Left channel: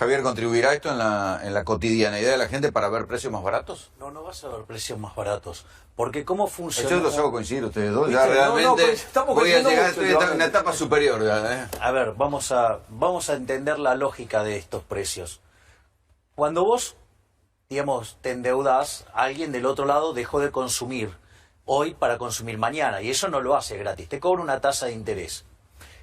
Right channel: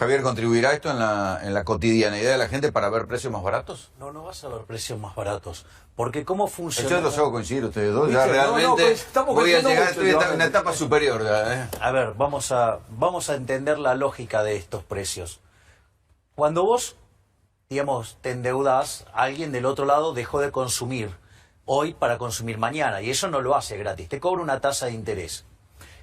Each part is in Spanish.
Javier, ¿contribuirá esto en la cotidianeidad de la gente para ver precios más baratos? No, no vas a ver precios más baratos. Porque cómo funciona... Yo los hago coincidir ustedes dos. Ya realmente voy a llegar, estoy en una etapa superior ya, A ver, vamos a entender la lógica de estos precios. Cuando vos, digamos, te endeudás, alguien del otro lado dejó de consumir hoy para consumir mañana. Y eso no lo hace gratis. Te cobra una tasa de interés.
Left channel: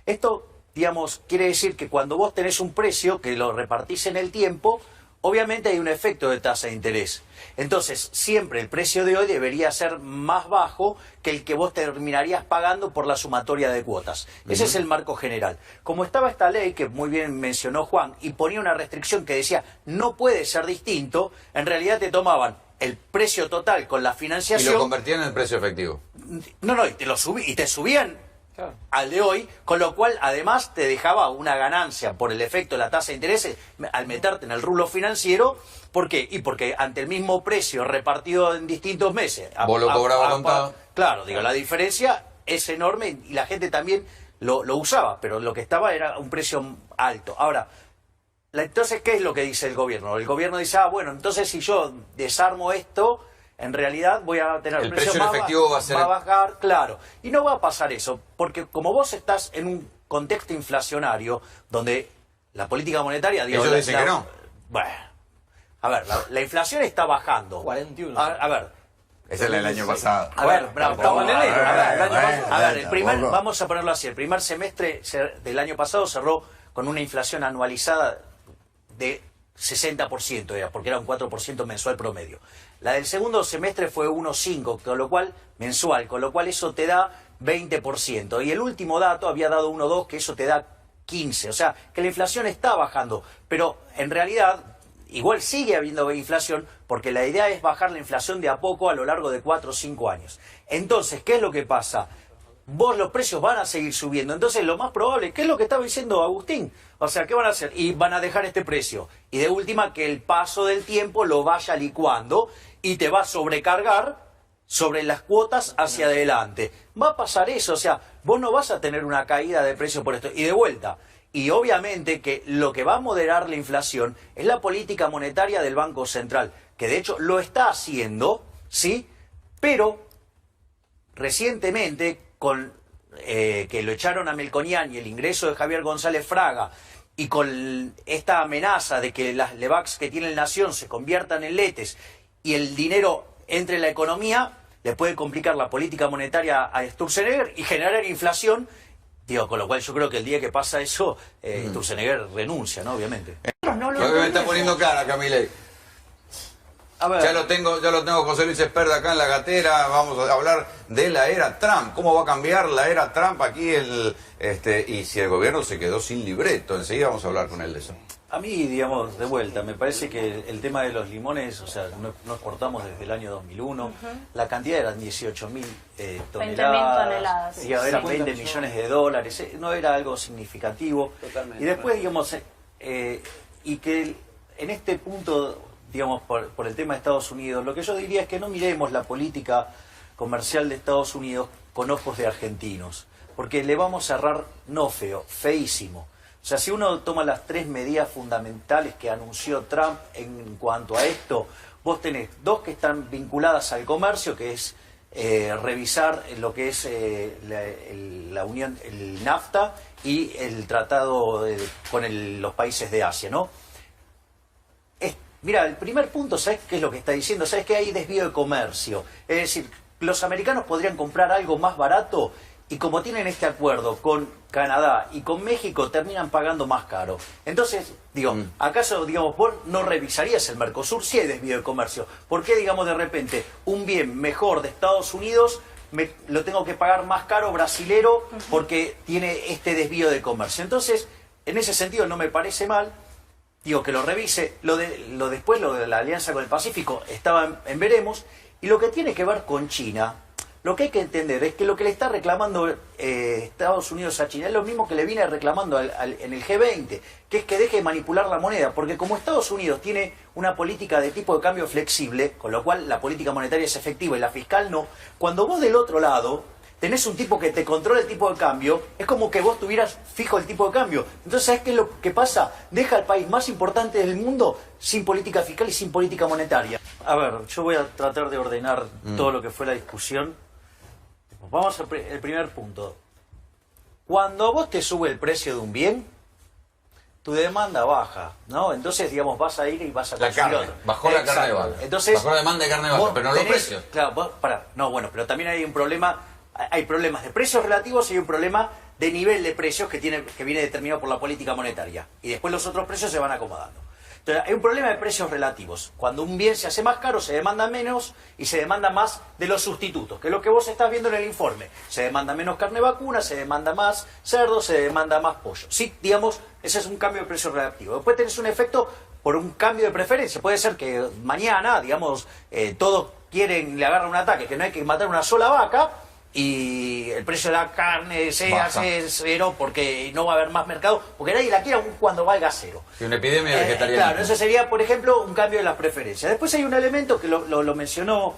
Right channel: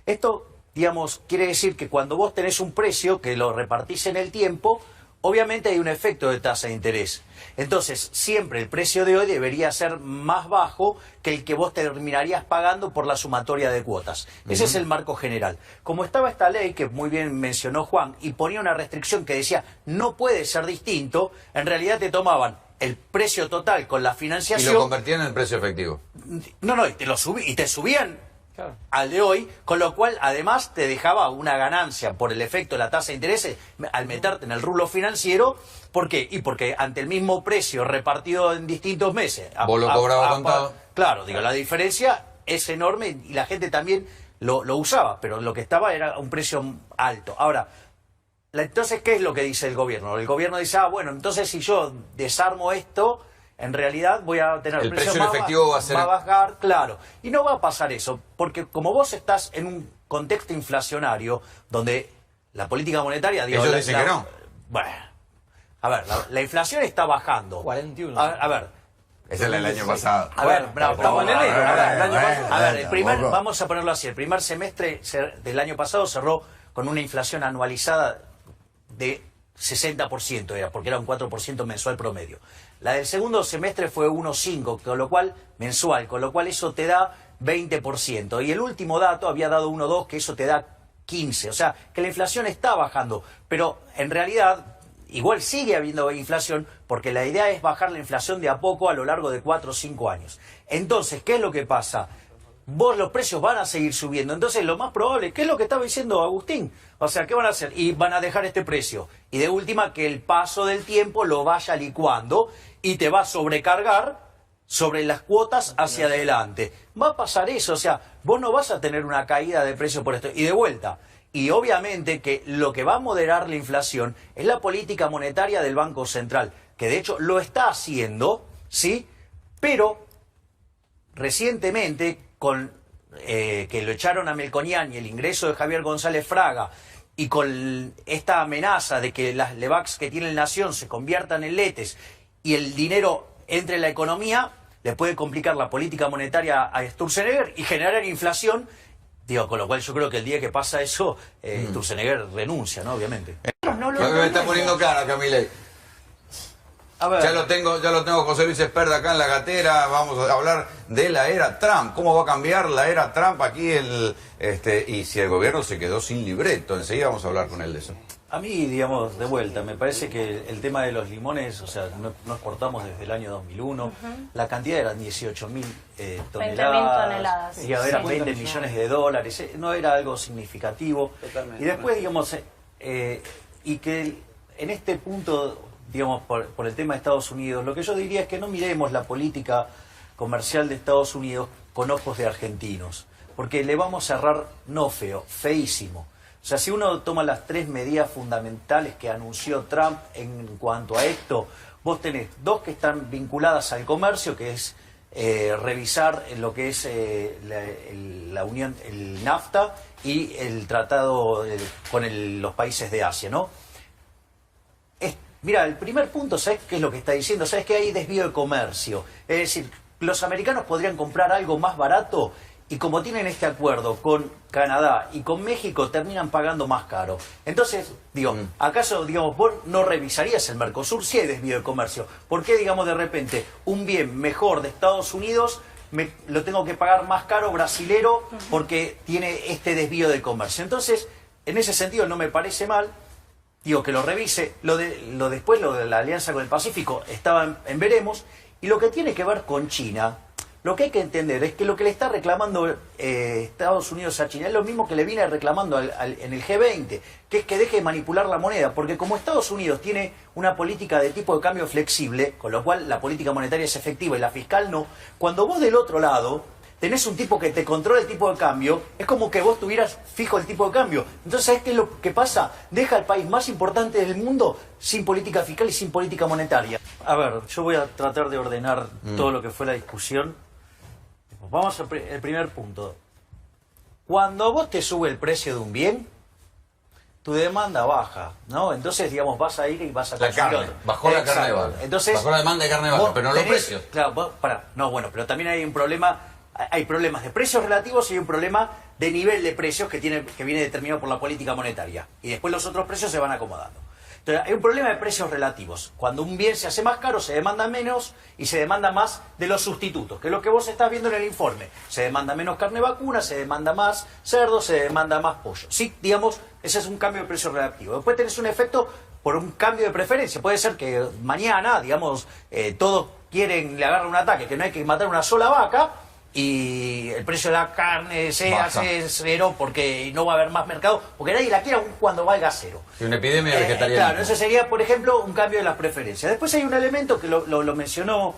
Esto, digamos, quiere decir que cuando vos tenés un precio que lo repartís en el tiempo, obviamente hay un efecto de tasa de interés. Entonces, siempre el precio de hoy debería ser más bajo que el que vos terminarías pagando por la sumatoria de cuotas. Ese es el marco general. Como estaba esta ley, que muy bien mencionó Juan, y ponía una restricción que decía no puede ser distinto, en realidad te tomaban el precio total con la financiación... Y lo convertían en el precio efectivo. No, y te subían al de hoy, con lo cual además te dejaba una ganancia por el efecto de la tasa de interés al meterte en el rublo financiero. ¿Por qué? Y porque ante el mismo precio repartido en distintos meses... ¿Vos lo cobrabas contado? Claro, digo, la diferencia es enorme y la gente también lo usaba, pero lo que estaba era un precio alto. Ahora, entonces, ¿qué es lo que dice el gobierno? El gobierno dice, bueno, entonces si yo desarmo esto... En realidad voy a tener el precio efectivo va a bajar, claro. Y no va a pasar eso, porque como vos estás en un contexto inflacionario donde la política monetaria... Ellos dicen que no. Bueno, a ver, la inflación está bajando. 41. A ver. Ese es el año pasado. A ver, estamos en enero. Vamos a ponerlo así. El primer semestre del año pasado cerró con una inflación anualizada de 60%, porque era un 4% mensual promedio. La del segundo semestre fue 1,5, con lo cual mensual, con lo cual eso te da 20%. Y el último dato había dado 1,2, que eso te da 15. O sea, que la inflación está bajando, pero en realidad igual sigue habiendo inflación, porque la idea es bajar la inflación de a poco a lo largo de 4 o 5 años. Entonces, ¿qué es lo que pasa? Los precios van a seguir subiendo. Entonces, lo más probable, ¿qué es lo que estaba diciendo Agustín? O sea, ¿qué van a hacer? Y van a dejar este precio. Y de última, que el paso del tiempo lo vaya licuando y te va a sobrecargar sobre las cuotas hacia adelante. Va a pasar eso. O sea, vos no vas a tener una caída de precio por esto. Y de vuelta. Y obviamente que lo que va a moderar la inflación es la política monetaria del Banco Central, que de hecho lo está haciendo, ¿sí? Pero recientemente, con que lo echaron a Melconian y el ingreso de Javier González Fraga, y con esta amenaza de que las LEVACs que tiene el Nación se conviertan en letes y el dinero entre en la economía, le puede complicar la política monetaria a Sturzenegger y generar inflación. Digo, con lo cual yo creo que el día que pasa eso, Sturzenegger renuncia, ¿no? Obviamente. Me está poniendo cara, Camille. A ver. Ya lo tengo José Luis Esperda acá en la gatera. Vamos a hablar de la era Trump. ¿Cómo va a cambiar la era Trump aquí? Y si el gobierno se quedó sin libreto. Enseguida vamos a hablar con él de eso. A mí, digamos, de vuelta, me parece que el tema de los limones, o sea, no exportamos desde el año 2001. La cantidad eran 18.000 toneladas. 20.000 toneladas. Y eran 20 millones de dólares. No era algo significativo. Totalmente. Y después, digamos, y que en este punto, digamos, por el tema de Estados Unidos, lo que yo diría es que no miremos la política comercial de Estados Unidos con ojos de argentinos, porque le vamos a errar no feo, feísimo. O sea, si uno toma las 3 medidas fundamentales que anunció Trump en cuanto a esto, vos tenés 2 que están vinculadas al comercio, que es revisar lo que es la unión, el NAFTA y el tratado con los países de Asia, ¿no? Mira, el primer punto, ¿sabes qué es lo que está diciendo? ¿Sabes que hay desvío de comercio? Es decir, los americanos podrían comprar algo más barato y como tienen este acuerdo con Canadá y con México, terminan pagando más caro. Entonces, digo, ¿acaso, digamos, vos no revisarías el Mercosur si hay desvío de comercio? ¿Por qué, digamos, de repente un bien mejor de Estados Unidos lo tengo que pagar más caro brasilero porque tiene este desvío de comercio? Entonces, en ese sentido no me parece mal. Digo, que lo revise. Después, lo de la alianza con el Pacífico, estaba en veremos. Y lo que tiene que ver con China, lo que hay que entender es que lo que le está reclamando Estados Unidos a China es lo mismo que le viene reclamando en el G20, que es que deje de manipular la moneda. Porque como Estados Unidos tiene una política de tipo de cambio flexible, con lo cual la política monetaria es efectiva y la fiscal no, cuando vos del otro lado tenés un tipo que te controla el tipo de cambio, es como que vos tuvieras fijo el tipo de cambio. Entonces, ¿sabés qué es lo que pasa? Deja al país más importante del mundo sin política fiscal y sin política monetaria. A ver, yo voy a tratar de ordenar todo lo que fue la discusión. Vamos al primer punto. Cuando vos te sube el precio de un bien, tu demanda baja, ¿no? Entonces, digamos, vas a ir y vas a La consumir carne, otro. bajó la carne de Exacto. vaca. Entonces, Bajó la demanda de carne de vaca, vos pero no los tenés- precios. Claro, no, bueno, pero también hay un problema, hay problemas de precios relativos y hay un problema de nivel de precios que viene determinado por la política monetaria. Y después los otros precios se van acomodando. Entonces, hay un problema de precios relativos. Cuando un bien se hace más caro, se demanda menos y se demanda más de los sustitutos, que es lo que vos estás viendo en el informe. Se demanda menos carne vacuna, se demanda más cerdo, se demanda más pollo. Sí, digamos, ese es un cambio de precio relativo. Después tenés un efecto por un cambio de preferencia. Puede ser que mañana, digamos, todos le agarran un ataque, que no hay que matar una sola vaca, y el precio de la carne se Baja. hace cero porque no va a haber más mercado, porque nadie la quiere aún cuando valga cero. Y una epidemia de vegetarianismo. Claro, ese sería, por ejemplo, un cambio de las preferencias. Después hay un elemento que lo mencionó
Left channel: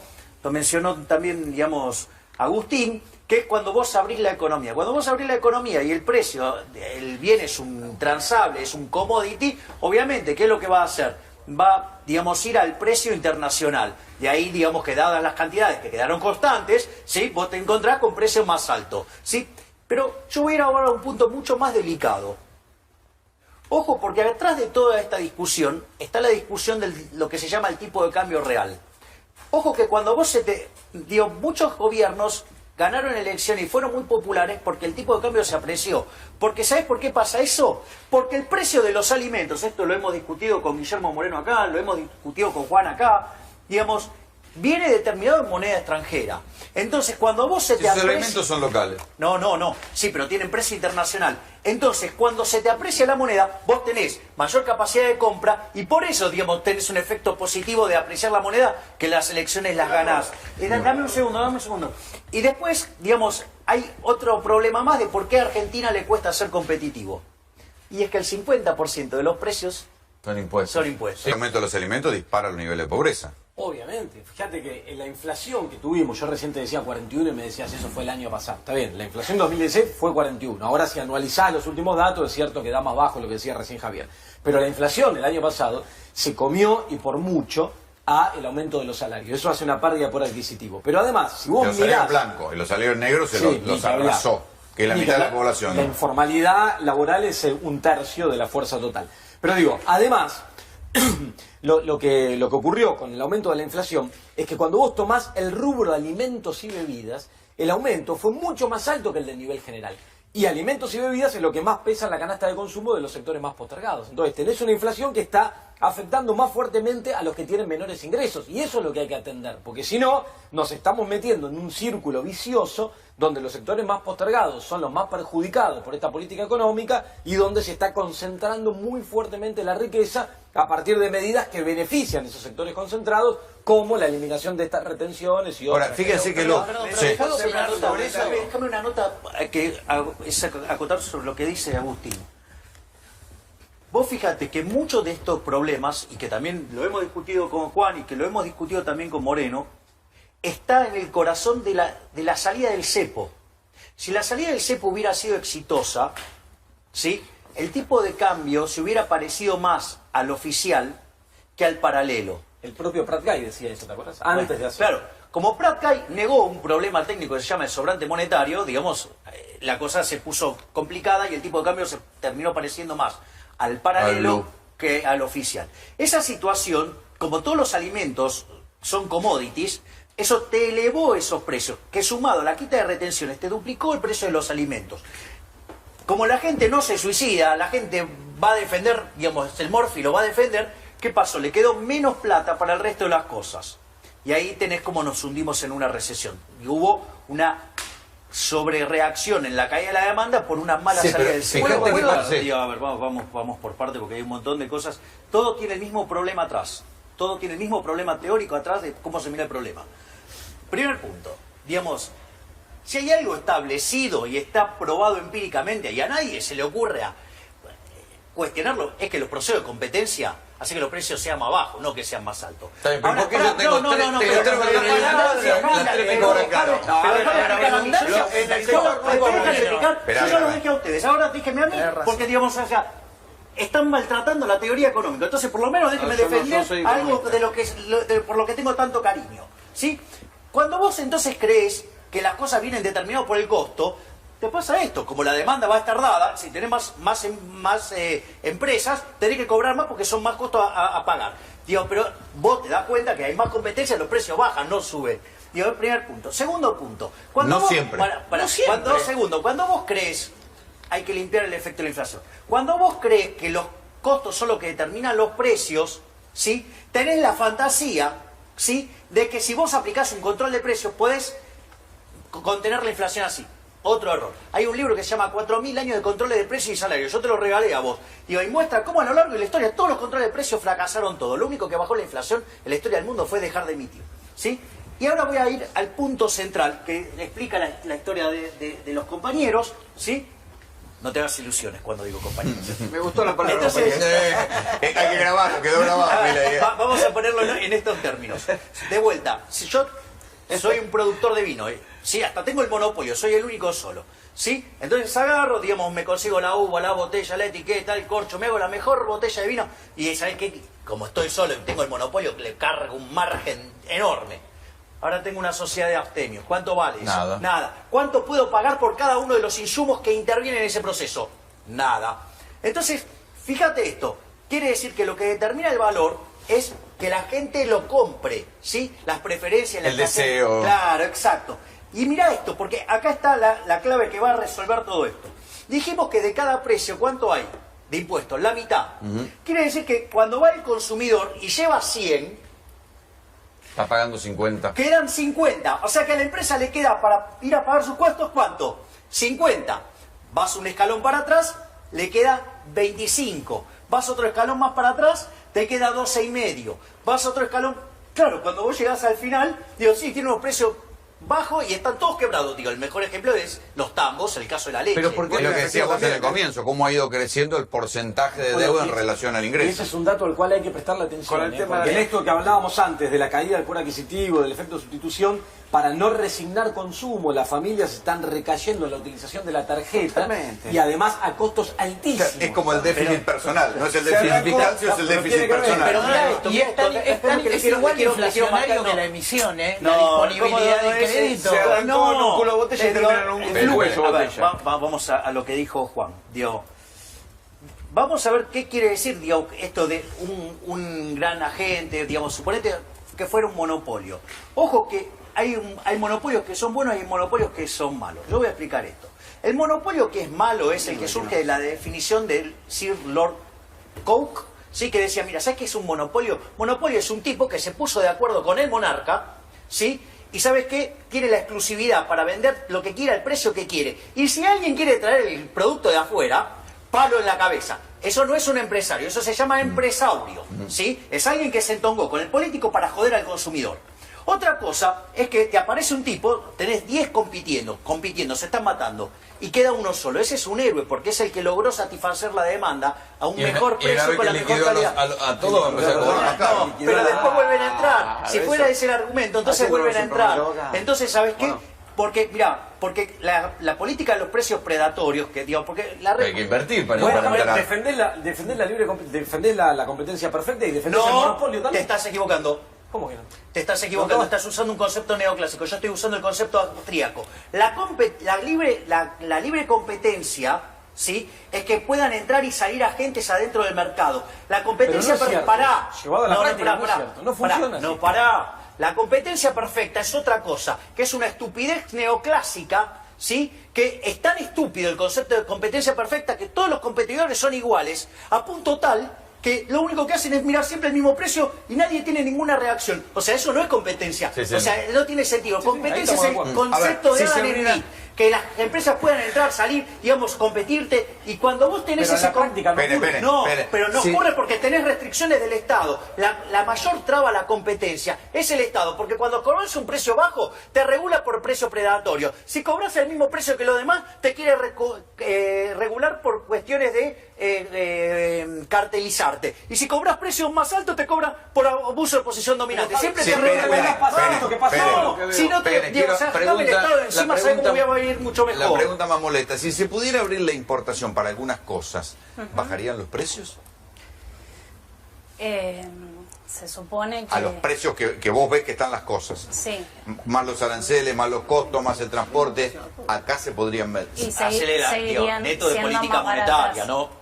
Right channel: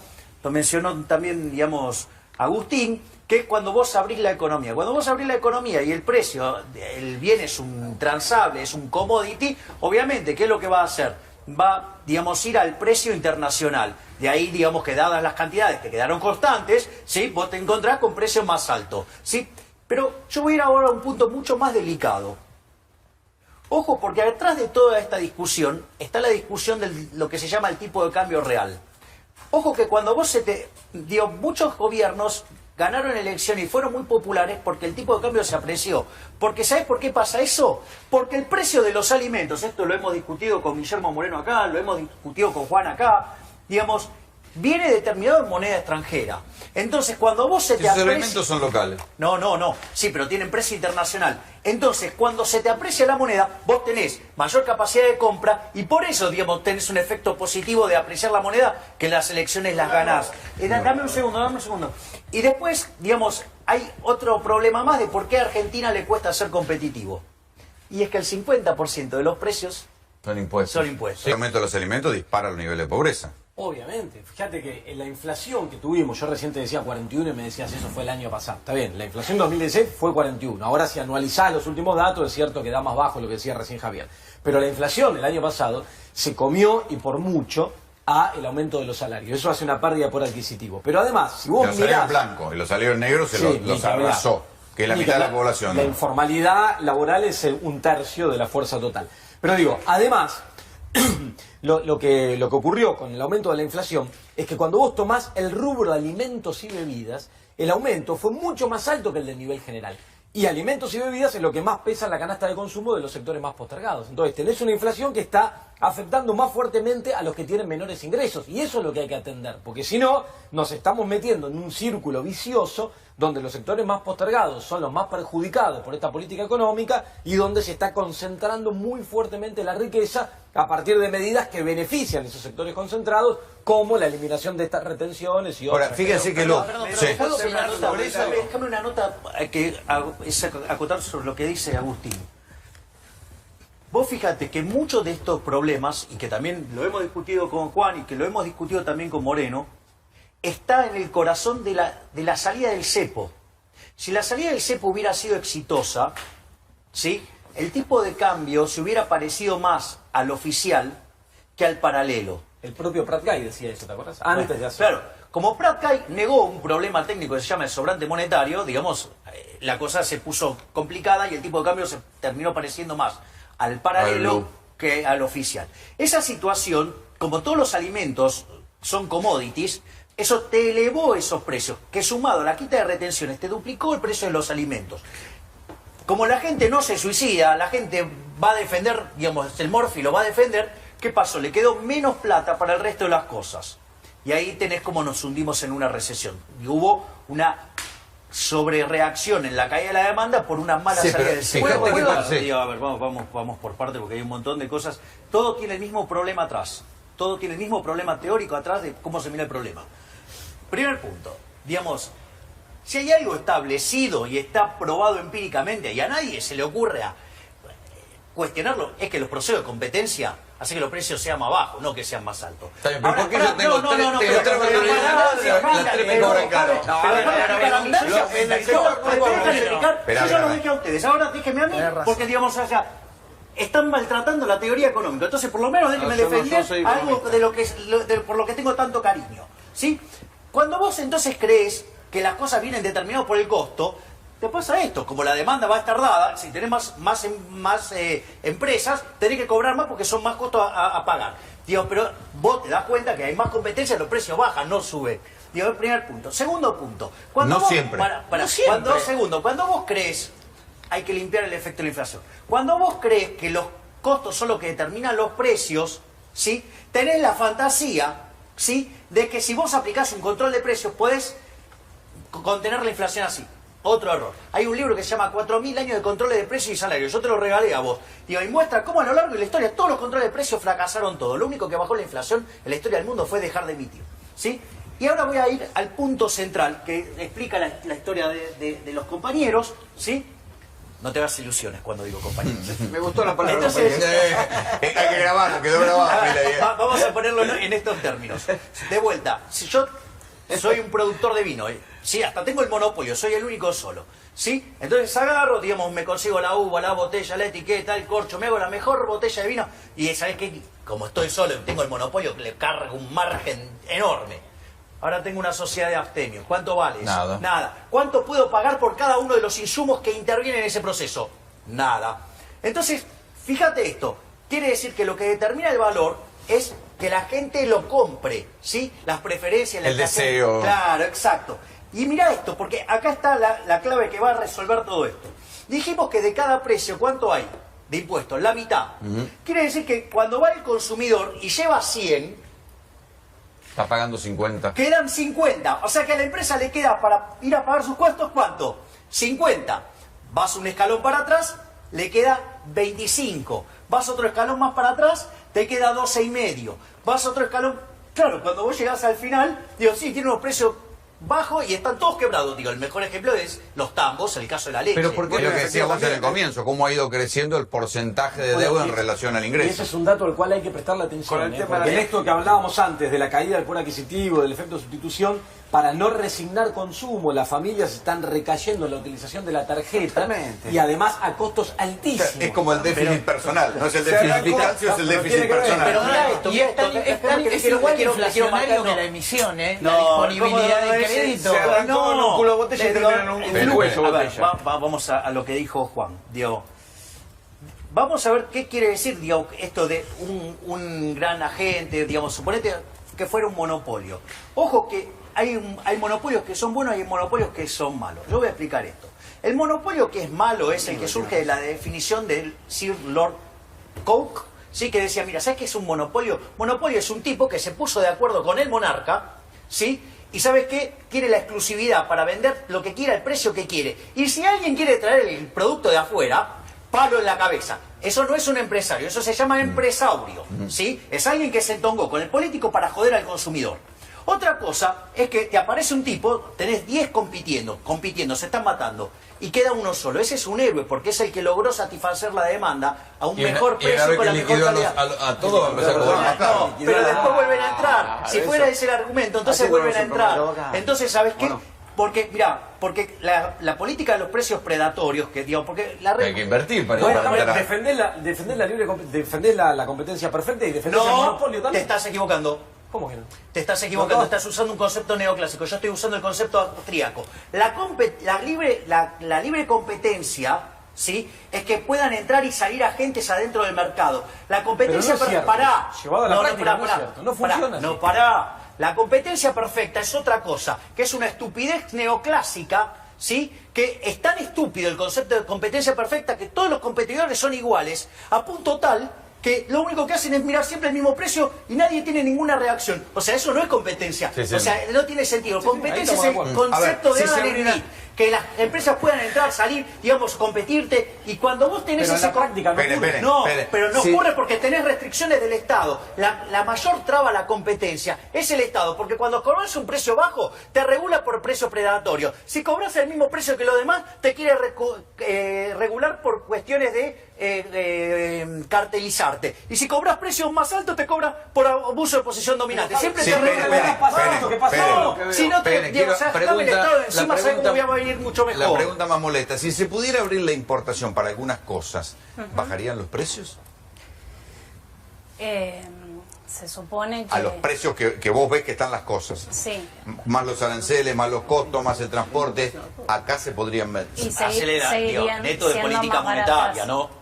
también, digamos, Agustín, que es cuando vos abrís la economía. Cuando vos abrís la economía y el precio, el bien es un transable, es un commodity, obviamente, ¿qué es lo que va a hacer? Va, digamos, ir al precio internacional. De ahí, digamos, que dadas las cantidades que quedaron constantes, ¿sí? Vos te encontrás con precios más altos, ¿sí? Pero yo voy a ir ahora a un punto mucho más delicado. Ojo, porque detrás de toda esta discusión está la discusión de lo que se llama el tipo de cambio real. Ojo que cuando muchos gobiernos ganaron elecciones y fueron muy populares porque el tipo de cambio se apreció. Porque ¿sabés por qué pasa eso? Porque el precio de los alimentos, esto lo hemos discutido con Guillermo Moreno acá, lo hemos discutido con Juan acá, digamos, viene determinado en moneda extranjera. Entonces, cuando vos se te Esos aprecia... elementos son locales. No. Sí, pero tienen precio internacional. Entonces, cuando se te aprecia la moneda, vos tenés mayor capacidad de compra y por eso, digamos, tenés un efecto positivo de apreciar la moneda que las elecciones las ganás. Dame un segundo. Y después, digamos, hay otro problema más de por qué a Argentina le cuesta ser competitivo. Y es que el 50% de los precios Son impuestos. son impuestos. El aumento de los alimentos dispara el nivel de pobreza. Obviamente, fíjate que en la inflación que tuvimos, yo recién te decía 41 y me decías eso fue el año pasado. Está bien, la inflación 2016 fue 41. Ahora si anualizás los últimos datos es cierto que da más bajo lo que decía recién Javier. Pero la inflación del año pasado se comió y por mucho a el aumento de los salarios. Eso hace una pérdida por adquisitivo. Pero además, si vos Los mirás... salarios blancos y los salarios negros Sí, los ni hablar. arrasó, que es la Ni mitad de la hablar. población. La informalidad laboral es un tercio de la fuerza total. Pero digo, además, lo que ocurrió con el aumento de la inflación es que cuando vos tomás el rubro de alimentos y bebidas, el aumento fue mucho más alto que el del nivel general. Y alimentos y bebidas es lo que más pesa en la canasta de consumo de los sectores más postergados. Entonces tenés una inflación que está afectando más fuertemente a los que tienen menores ingresos. Y eso es lo que hay que atender. Porque si no, nos estamos metiendo en un círculo vicioso donde los sectores más postergados son los más perjudicados por esta política económica y donde se está concentrando muy fuertemente la riqueza a partir de medidas que benefician a esos sectores concentrados, como la eliminación de estas retenciones y otras. Ahora, fíjense que sí. Déjame una nota que es acotar sobre lo que dice Agustín. Vos fíjate que muchos de estos problemas, y que también lo hemos discutido con Juan y que lo hemos discutido también con Moreno, está en el corazón de la salida del cepo. Si la salida del cepo hubiera sido exitosa, ¿sí?, el tipo de cambio se hubiera parecido más al oficial que al paralelo. El propio Prat Guy decía eso, ¿te acuerdas? Antes de hacer. Claro, como Prat Guy negó un problema técnico que se llama el sobrante monetario, digamos, la cosa se puso complicada y el tipo de cambio se terminó pareciendo más al paralelo que al oficial. Esa situación, como todos los alimentos son commodities, eso te elevó esos precios, que sumado a la quita de retenciones te duplicó el precio de los alimentos. Como la gente no se suicida, la gente va a defender, digamos, el Morphy lo va a defender, ¿qué pasó? Le quedó menos plata para el resto de las cosas. Y ahí tenés como nos hundimos en una recesión. Y hubo una sobrereacción en la caída de la demanda por una mala Sí, salida pero del fíjate sector. que pasa, sí. A ver, vamos por parte porque hay un montón de cosas. Todo tiene el mismo problema atrás. Todo tiene el mismo problema teórico atrás de cómo se mira el problema. Primer punto, digamos, si hay algo establecido y está probado empíricamente y a nadie se le ocurre cuestionarlo es que los procesos de competencia hacen que los precios sean más bajos, no que sean más altos. Está bien, pero Ahora, ¿por qué yo tengo tres me cobran caro? Yo lo dije a ustedes, ahora déjenme a mí, porque digamos, o sea, están maltratando la teoría económica. Entonces, por lo menos déjenme defender algo de lo que por lo que tengo tanto cariño. ¿Sí? Cuando vos entonces crees que las cosas vienen determinadas por el costo, te pasa esto, como la demanda va a estar dada, si tenés más empresas, tenés que cobrar más porque son más costos a pagar. Digo, pero vos te das cuenta que hay más competencia, los precios bajan, no suben. Digo, el primer punto. Segundo punto. No siempre. Cuando vos crees, hay que limpiar el efecto de la inflación. Cuando vos crees que los costos son los que determinan los precios, ¿sí? Tenés la fantasía, ¿sí?, de que si vos aplicás un control de precios podés contener la inflación así. Otro error. Hay un libro que se llama 4000 años de controles de precios y salarios. Yo te lo regalé a vos. Digo, y muestra cómo a lo largo de la historia todos los controles de precios fracasaron todos. Lo único que bajó la inflación en la historia del mundo fue dejar de emitir. ¿Sí? Y ahora voy a ir al punto central que explica la historia de los compañeros. ¿Sí? No te hagas ilusiones cuando digo compañeros. Me gustó la palabra. Entonces, hay que grabarlo, quedó grabado. Vamos a ponerlo en estos términos. De vuelta, si yo soy un productor de vino, sí, hasta tengo el monopolio, soy el único solo, ¿sí? Entonces agarro, digamos, me consigo la uva, la botella, la etiqueta, el corcho, me hago la mejor botella de vino y ¿sabes qué? Como estoy solo y tengo el monopolio, le cargo un margen enorme. Ahora tengo una sociedad de abstemios. ¿Cuánto vale eso? Nada. Nada. ¿Cuánto puedo pagar por cada uno de los insumos que intervienen en ese proceso? Nada. Entonces, fíjate esto. Quiere decir que lo que determina el valor es que la gente lo compre, ¿sí? Las preferencias, el deseo. Claro, exacto. Y mira esto, porque acá está la clave que va a resolver todo esto. Dijimos que de cada precio, ¿cuánto hay de impuestos? La mitad. Quiere decir que cuando va el consumidor y lleva 100... Está pagando 50. Quedan 50. O sea que a la empresa le queda para ir a pagar sus costos, ¿cuánto? 50. Vas un escalón para atrás, le queda 25. Vas otro escalón más para atrás, te queda 12,5. Vas otro escalón... Claro, cuando vos llegás al final, digo, sí, tiene unos precios bajos y están todos quebrados. Digo, el mejor ejemplo es los tambos, el caso de la leche. Pero ¿por qué es lo que decías vos en el comienzo? ¿Cómo ha ido creciendo el porcentaje de deuda en relación al Y ingreso? ese es un dato al cual hay que prestarle atención. Con el tema porque de- en esto que hablábamos antes, de la caída del poder adquisitivo, del efecto de sustitución, para no resignar consumo, las familias están recayendo en la utilización de la tarjeta. Totalmente. Y además a costos altísimos. Es como el déficit personal, no es el déficit fiscal, es el déficit personal. Pero mirá esto, Y es igual inflacionario que la emisión, la disponibilidad de crédito. Se arrancó en un culo de botella y terminaron en un Pero hueso A ver, botella. vamos a lo que dijo Juan. Digo, vamos a ver qué quiere decir, digo, esto de un gran agente, digamos, suponete que fuera un monopolio. Ojo que hay monopolios que son buenos y hay monopolios que son malos. Yo voy a explicar esto. El monopolio que es malo es el que surge de la definición del Sir Lord Coke, ¿sí? Que decía, mira, ¿sabes qué es un monopolio? Monopolio es un tipo que se puso de acuerdo con el monarca, ¿sí? Y ¿sabes qué? Quiere la exclusividad para vender lo que quiera, el precio que quiere. Y si alguien quiere traer el producto de afuera, palo en la cabeza. Eso no es un empresario, eso se llama empresaurio, ¿sí? Es alguien que se entongó con el político para joder al consumidor. Otra cosa es que te aparece un tipo, tenés 10 compitiendo, se están matando, y queda uno solo. Ese es un héroe, porque es el que logró satisfacer la demanda a un mejor precio con la mejor calidad. A todos va a empezar a cobrar más caro. No, pero después vuelven a entrar. Si fuera ese el argumento, entonces vuelven a entrar. Entonces, ¿sabes qué? Porque, mirá, porque la política de los precios predatorios, que digo, porque la Hay que invertir para Bueno, entrar. defender la competencia perfecta y defender el monopolio te también. estás equivocando. ¿Cómo que no? Te estás equivocando, estás usando un concepto neoclásico. Yo estoy usando el concepto austríaco. La libre competencia, ¿sí? Es que puedan entrar y salir agentes adentro del mercado. La competencia Pero no es cierto. pará. Llevado a la práctica no es cierto. No funciona así. No, pará. La competencia perfecta es otra cosa, que es una estupidez neoclásica, ¿sí? Que es tan estúpido el concepto de competencia perfecta que todos los competidores son iguales, a punto tal que lo único que hacen es mirar siempre el mismo precio y nadie tiene ninguna reacción. O sea, eso no es competencia. Sí, sí. O sea, no tiene sentido. Competencia ahí es el estamos de acuerdo. concepto A ver, de si se Adam abriera- Smith, que las empresas puedan entrar, salir, digamos, competirte, y cuando vos tenés Pero en ese... la práctica no ocurre. No, espere. pero no Sí. ocurre porque tenés restricciones del Estado. La mayor traba a la competencia es el Estado, porque cuando cobras un precio bajo, te regula por precio predatorio. Si cobras el mismo precio que los demás, te quiere regular por cuestiones de cartelizarte. Y si cobras precios más altos, te cobra por abuso de posición dominante. Siempre Sí, te espere, regula. espere, lo que pasó. No, si no te... Espere, digo, o sea, quiero- dame el pregunta- Estado encima, la ¿sabes cómo pregunta- voy a ir mucho La mejor? pregunta más molesta, si se pudiera abrir la importación para algunas cosas, ¿bajarían los precios? Se supone que... A los precios que vos ves que están las cosas. Sí. Más los aranceles, más los costos, más el transporte, acá se podrían ver. Y Acelera, digo, seguirían neto de siendo política más monetaria, baratas. ¿no?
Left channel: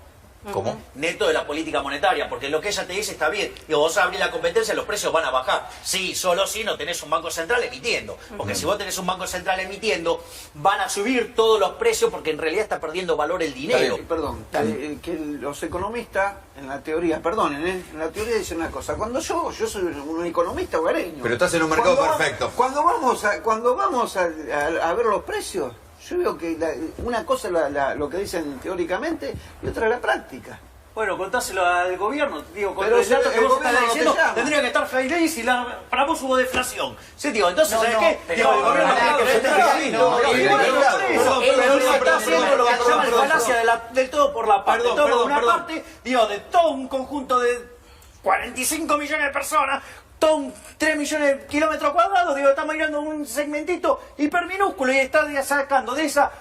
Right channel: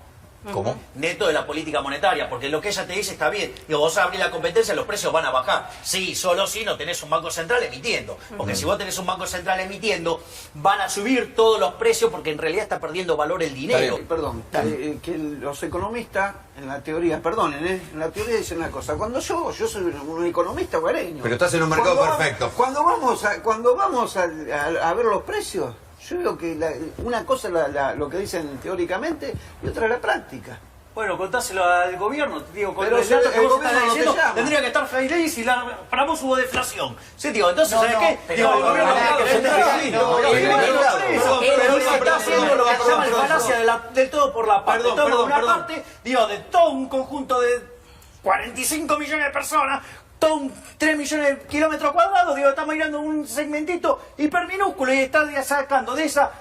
¿Cómo? Neto de la política monetaria, porque lo que ella te dice está bien. Digo, vos abrís la competencia, los precios van a bajar. Sí, solo si no tenés un banco central emitiendo. Porque si vos tenés un banco central emitiendo, van a subir todos los precios porque en realidad está perdiendo valor el dinero. Perdón, que los economistas, en la teoría, perdonen, en la teoría dicen una cosa. Cuando yo soy un economista hogareño. Pero estás en un mercado Cuando perfecto. Cuando vamos a ver los precios, yo veo que una cosa es lo que dicen teóricamente y otra es la práctica. Bueno, contáselo al gobierno, digo, con Pero los datos que el vos gobierno estás no te diciendo, llama. tendría que estar Faireis y para vos hubo deflación. Sí, digo, entonces, No, ¿sabes no, qué? pero Digo, el no, gobierno no, claro, no, central, no, sí, no, no, no, igual, no, por eso, no, él no, está haciendo lo que se llama el falacia del todo por la parte. Perdón, Toma perdón, una perdón. parte, digo, de todo un conjunto de 45 millones de personas, todo 3 millones de kilómetros cuadrados, digo, está mirando un segmentito hiperminúsculo y está sacando de esa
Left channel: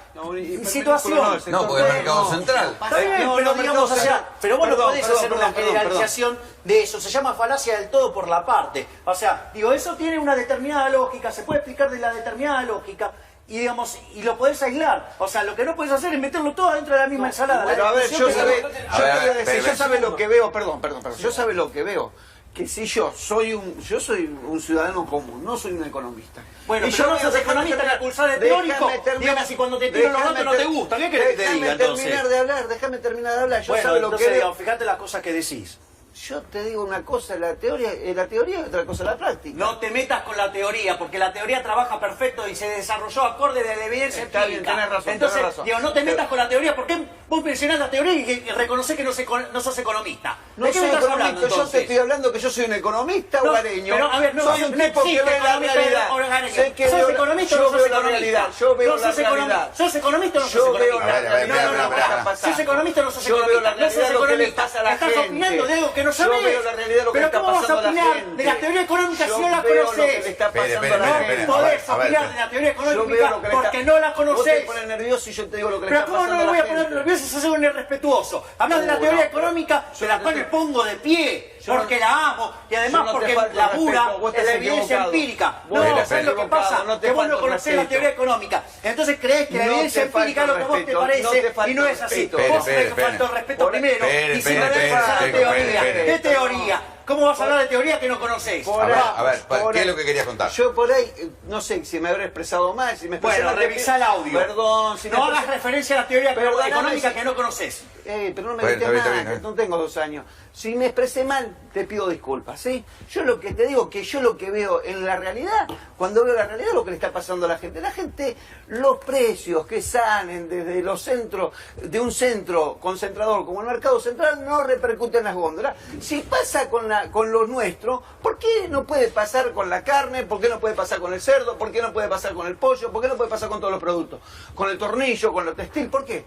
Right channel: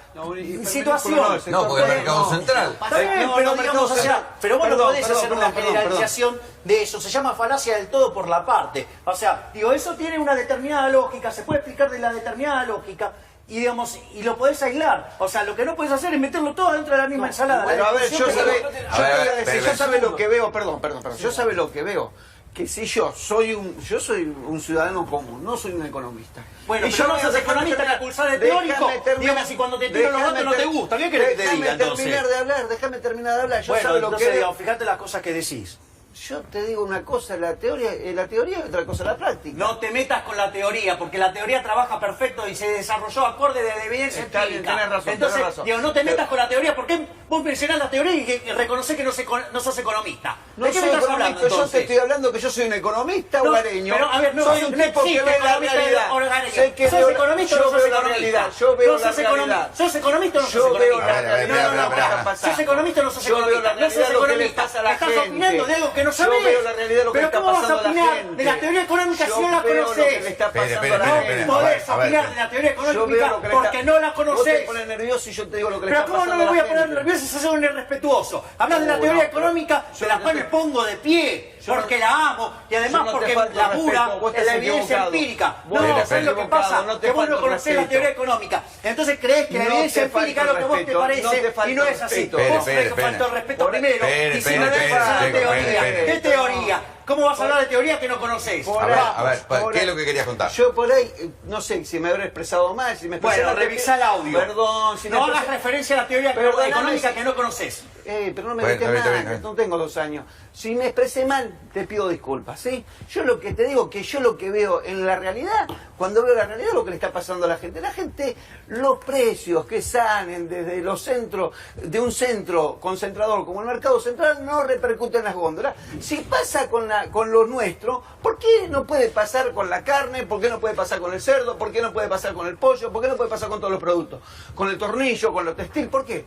situación. No, porque el mercado central. Está bien, No, pero no, digamos, o sea, pero vos no perdón, podés perdón, hacer perdón, una perdón, generalización de eso. Se llama falacia del todo por la parte. O sea, digo, eso tiene una determinada lógica, se puede explicar de la determinada lógica. Y digamos, y lo podés aislar. O sea, lo que no podés hacer es meterlo todo dentro de la misma ensalada. Bueno, La a ver, discusión yo que- sabe, A ver, yo te voy a decir, espera, yo sabe lo que veo, perdón, yo sabe lo que veo, que si yo soy un ciudadano común, no soy un economista. Bueno, Y pero no veo- sos déjame economista terminar, que acusar de déjame teórico. terminar, Digamos, y cuando te tiro los datos no te gusta. ¿Qué querés que te diga Déjame entonces? terminar de hablar, déjame terminar de hablar. Yo Bueno, sabe lo entonces, que veo. digamos, fíjate las cosas que decís. Yo te digo una cosa, la teoría y otra cosa la práctica. No te metas con la teoría, porque la teoría trabaja perfecto y se desarrolló acorde de la evidencia Está bien, empírica. tenés razón, Entonces, tenés razón. digo, no te metas Pero- con la teoría, porque vos mencionás la teoría y que reconocés que no sos economista. No ¿De qué soy me estás economista, hablando, yo te entonces? estoy hablando que yo soy un economista No, hogareño. pero, a ver, no, soy un no tipo que existe ve la economista realidad. hogareño. Sé que ¿Sos veo- economista o yo no sos veo la economista? realidad, yo veo No la sos economista. realidad. ¿Sos economista o no sos Yo veo economista? la A ver, realidad. espera, de lo que espera, está espera. pasando. ¿Sos economista o no sos Yo veo la economista? No realidad sos de lo que le economista. pasa a la Estás gente. opinando de algo que no Yo sabés. veo la realidad de lo que Pero está ¿cómo vas a pasando a la opinar gente? de la teoría económica si Yo no la veo lo que conocés? le está Espere, pasando a la espere, gente. espere, No podés a ver, opinar de la teoría Yo veo económica lo que le porque está- no la Vos te conocés. pones nervioso y yo te digo lo que le Pero está ¿cómo no pasando me a voy la a poner gente. nervioso si sos un irrespetuoso? Hablas de la No, teoría no, económica, yo de la no cual te- me pongo de pie, Yo no- porque la amo, y yo además no te porque falto labura respeto, vos en la estás evidencia equivocado. empírica. Vos No, estás ¿sabes lo que equivocado, pasa? no te Que vos no falto conocés la respeto. teoría económica. Entonces crees que la No evidencia te empírica es lo que falto vos te respeto, parece no te falto y no es así. respeto. Vos Espere, te faltó espere. respeto primero Espere, y si no espere, le pasa la espere, teoría. espere. ¿Qué teoría? ¿Cómo vas a hablar de teoría que no conocés? Por A ver, ahí, a ver, por ¿qué es ahí. lo que querías contar? Yo por ahí, no sé si me habré expresado mal, si me expresé Bueno, mal, te revisá el pido- audio. Perdón, si me No hagas expresé- referencia a la teoría Perdóname económica si- que no conoces. pero no me Bueno, grites está bien, está nada, bien. que no tengo 2 años. Si me expresé mal, te pido disculpas, ¿sí? Yo lo que te digo, que yo lo que veo en la realidad, cuando veo la realidad, lo que le está pasando a la gente. La gente, los precios que salen desde los centros, de un centro concentrador como el mercado central, no repercuten en las góndolas. Si pasa con lo nuestro, ¿por qué no puede pasar con la carne? ¿Por qué no puede pasar con el cerdo? ¿Por qué no puede pasar con el pollo? ¿Por qué no puede pasar con todos los productos? Con el tornillo, con lo textil, ¿por qué?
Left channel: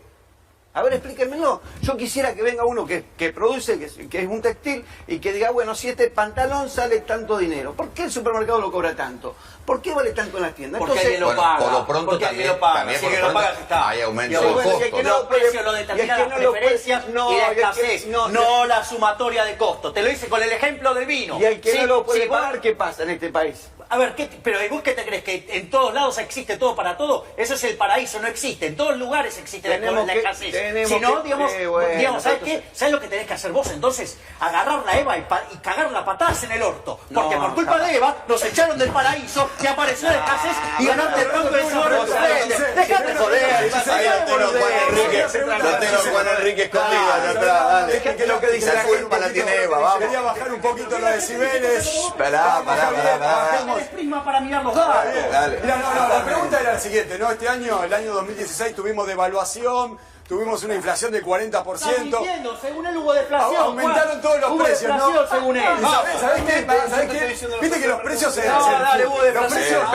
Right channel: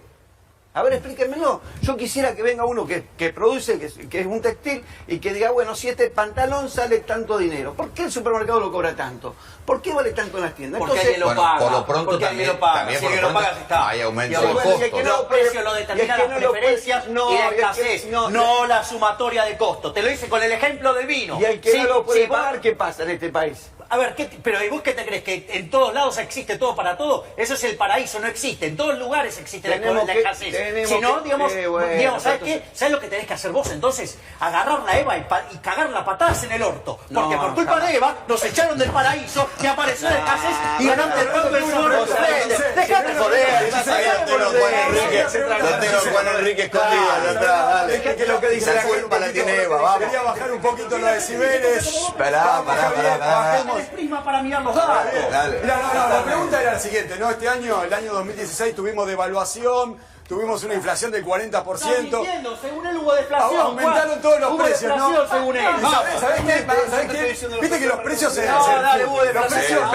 A ver, explíquenmelo. Yo quisiera que venga uno que produce, que es un textil, y que diga, bueno, si este pantalón sale tanto dinero, ¿por qué el supermercado lo cobra tanto? ¿Por qué vale tanto en las tiendas? Porque alguien lo Bueno, paga. por lo pronto porque también- alguien lo paga. también Si por lo alguien lo pronto paga, ya está. hay aumento Digamos, de bueno, y es que costos. no los precios lo y es determinan que las no lo puede- preferencias no, y la y es que escasez, no, no la sumatoria de costos. Te lo hice con el ejemplo del vino. Y el que Sí, no lo puede sí, pagar, ¿qué pasa en este país? A ver, pero ¿y vos qué te crees? ¿Que en todos lados existe todo para todo? Eso es el paraíso, no existe. En todos lugares existe Tenemos la que- escasez. tenemos Si no, que- bueno, digamos, ¿sabes entonces- qué? ¿Sabes lo que tenés que hacer vos entonces? Agarrar la Eva y cagarla a patadas en el orto. Porque No, por culpa jamás. de Eva nos echaron del paraíso y apareció la escasez y ganaste el banco del seguro de ustedes. Dejate joder. Ahí lo tengo Juan Enrique, lo tengo Juan Enrique escondido allá atrás, dale. Deja que lo que dice La la gente culpa la un tiene poquito. Eva, vamos. Quería bajar un poquito los decibeles. Pará, Vamos, pará, Javier, pará, pará. bajemos tenés prisma para mirar los datos. Dale. Mira, la pregunta era la siguiente, ¿no? Este año, el año 2016, tuvimos devaluación, tuvimos una inflación del 40%. Estás mintiendo, según él hubo deflación. Aumentaron Juan. todos los Hubo precios, ¿no? deflación, según él. ¿Y ¿sabés qué? ¿Sabés qué? Viste que los precios se... No, dale, hubo los deflación.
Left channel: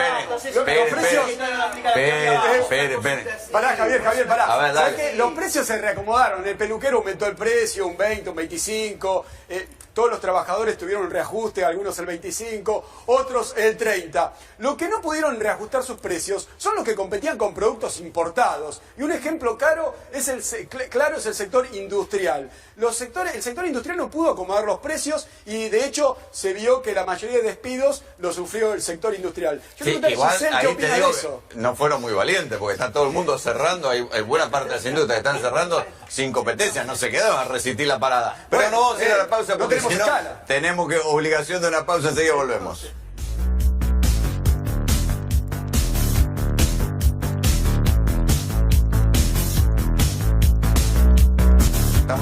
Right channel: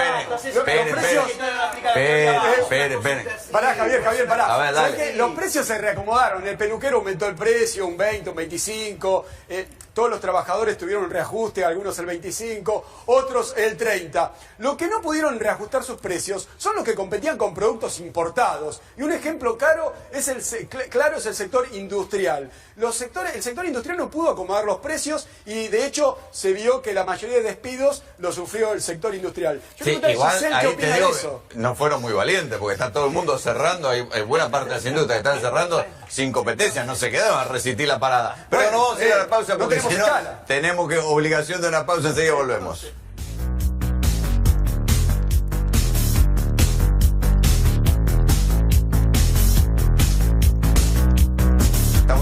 precios... Espere. Pará, Javier, pará. A ver, ¿Sabés dale. qué? Los precios se reacomodaron. El peluquero aumentó el precio un 20, un 25. Todos los trabajadores tuvieron un reajuste, algunos el 25, otros el 30. Lo que no pudieron reajustar sus precios son los que competían con productos importados. Y un ejemplo claro es el sector industrial. El sector industrial no pudo acomodar los precios y de hecho se vio que la mayoría de despidos lo sufrió el sector industrial. Yo Sí, quiero preguntar a igual Giselle qué ahí te opina digo de eso. que no fueron muy valientes porque está todo el mundo cerrando, hay buena parte de las industrias que están cerrando sin competencia, no se quedaron a resistir la parada. Pero Bueno, no vamos a ir a la pausa no porque tenemos si no escala. tenemos que obligación de una pausa, enseguida volvemos.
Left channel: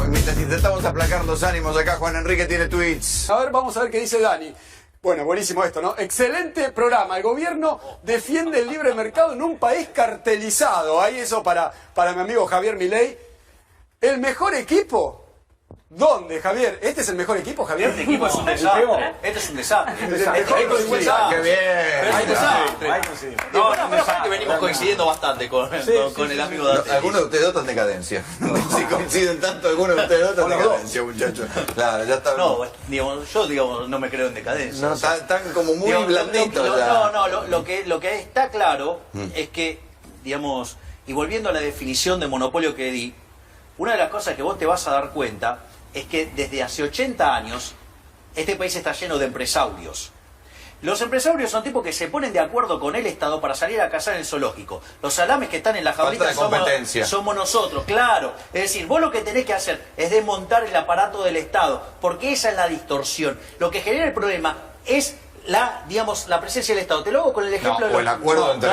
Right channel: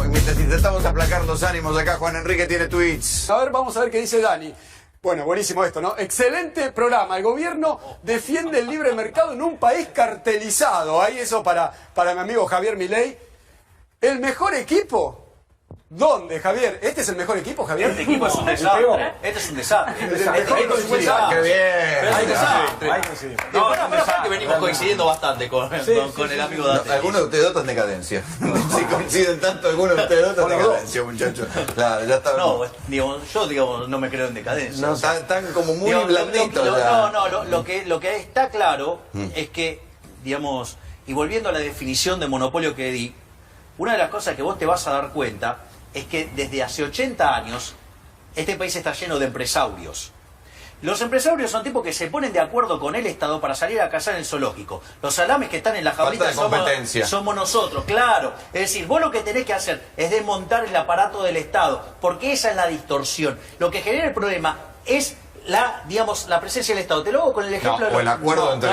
Mientras intentamos aplacar los ánimos acá, Juan Enrique tiene tweets. A ver, vamos a ver qué dice Dani. Bueno, buenísimo esto, ¿no? Excelente programa. El gobierno defiende el libre mercado en un país cartelizado. Ahí eso para mi amigo Javier Milei. ¿El mejor equipo? ¿Dónde, Javier? ¿Este es el mejor equipo, Javier? Este equipo es un desastre. Este es un desastre. Este equipo es un ¡Qué desastre. bien! Es un desastre. No, menos mal que venimos coincidiendo bastante con el amigo Dante. Algunos de ustedes dos están en decadencia. Si coinciden tanto, algunos de ustedes dos están en decadencia, muchachos. Claro, ya está. No, yo no me creo en decadencia. No, están como muy Digamos, blanditos ya. lo que está claro es que, digamos, y volviendo a la definición de monopolio que di, una de las cosas que vos te vas a dar cuenta es que desde hace 80 años este país está lleno de empresarios. Los empresarios son tipos que se ponen de acuerdo con el Estado para salir a cazar en el zoológico. Los salames que están en la Falta jaulita de competencia. somos nosotros, claro. Es decir, vos lo que tenés que hacer es desmontar el aparato del Estado, porque esa es la distorsión. Lo que genera el problema es la presencia del Estado. Te lo hago con el ejemplo No, o el acuerdo entre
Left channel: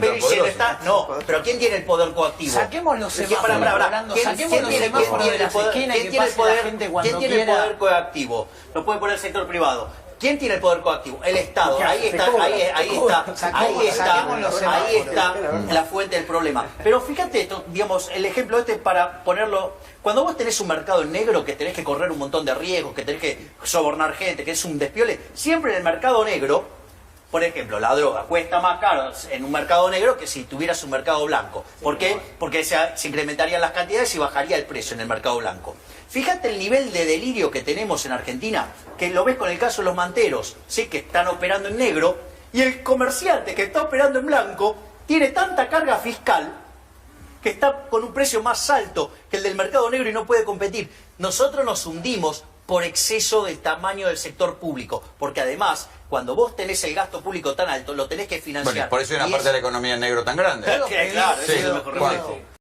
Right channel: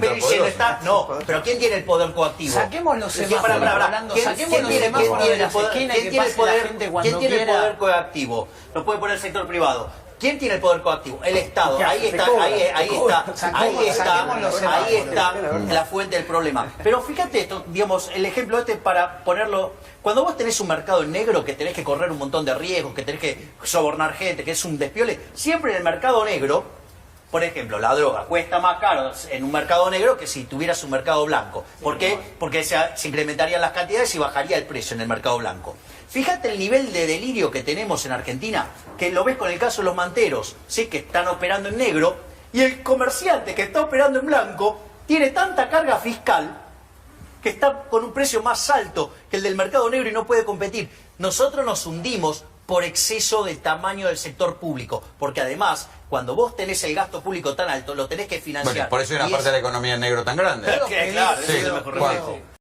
pero si el poderosos. Estado, no, pero ¿quién tiene el poder coactivo? Saquemos los ¿Quién- semáforos, pará. Rolando, ¿Quién- saquemos quién los tiene- semáforos quién de las tiene el esquinas y poder- que pase la gente ¿Quién cuando tiene el quiera? poder coactivo? Lo puede poner el sector privado. ¿Quién tiene el poder coactivo? El Estado. ¿Qué Ahí hace? está, Te cobra, ahí te cobra. Saquemos los ahí semáforos. está la fuente del problema. Pero fíjate esto, digamos, el ejemplo este para ponerlo. Cuando vos tenés un mercado en negro que tenés que correr un montón de riesgos, que tenés que sobornar gente, que es un despiole, siempre en el mercado negro, por ejemplo, la droga cuesta más caro en un mercado negro que si tuvieras un mercado blanco. ¿Por qué? Porque se incrementarían las cantidades y bajaría el precio en el mercado blanco. Fíjate el nivel de delirio que tenemos en Argentina, que lo ves con el caso de los manteros, ¿sí? Que están operando en negro, y el comerciante que está operando en blanco tiene tanta carga fiscal que está con un precio más alto que el del mercado negro y no puede competir. Nosotros nos hundimos por exceso del tamaño del sector público, porque además, cuando vos tenés el gasto público tan alto, lo tenés que financiar. Bueno, por eso hay una Y parte de la economía en negro tan grande. Claro, ese Sí, es el mejor Juan. reflejo.